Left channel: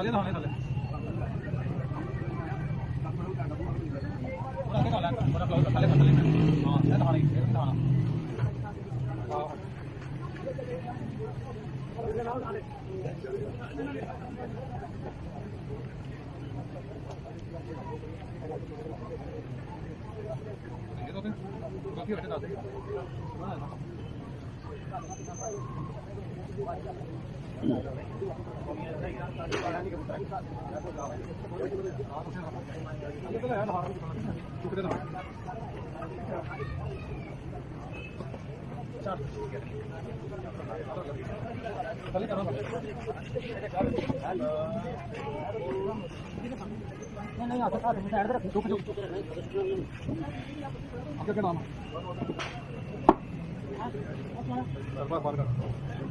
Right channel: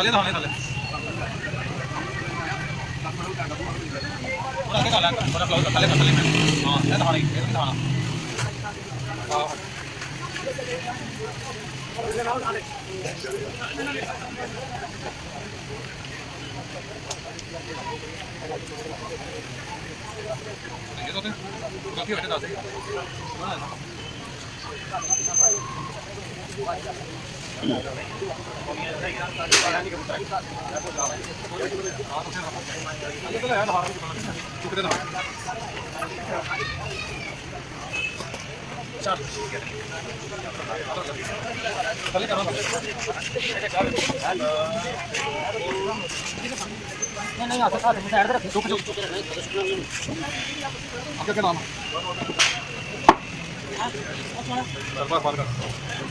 ਥੱਲੇ ਥੱਲੇ ਥੱਲੇ ਪੂਰਾ ਕੇ ਥੱਲੇ ਪੂਰਾ ਕਲੋਜ਼ ਥੱਲੇ ਥੱਲੇ ਹਾਂ ਇਹ ਦਿਖਾਣਾ ਇਹ ਵੀ ਦਿਖਾਣਾ ਆਹ ਇਹ ਤਾਂ ਕਾਫੀ ਵੱਡੇ ਦੱਸ नहीं आता था साइड पे रुक रुक आपका क्या नाम है?